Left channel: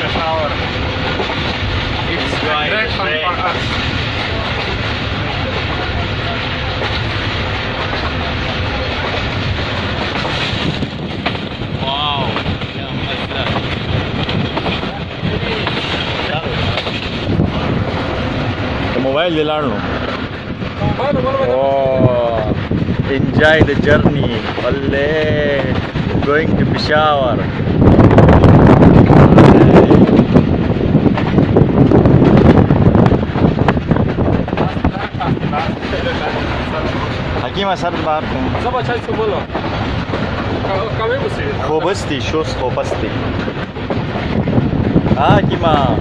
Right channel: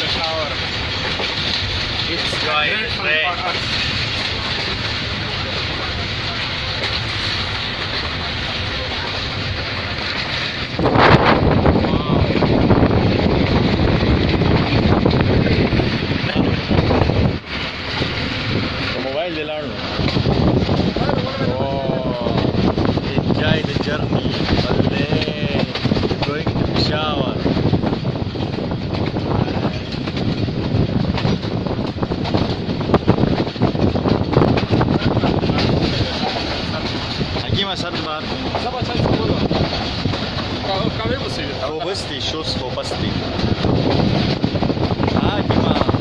peshawer. It's great fun for us. Wow. الموبايل لارنو. Oh, enjoy the journey. Ole, going to peshawer. حكيم أشهد معكم. زبا چای سوبولا. کامی بسی. خوبستی شوز خوبستی. حکیما.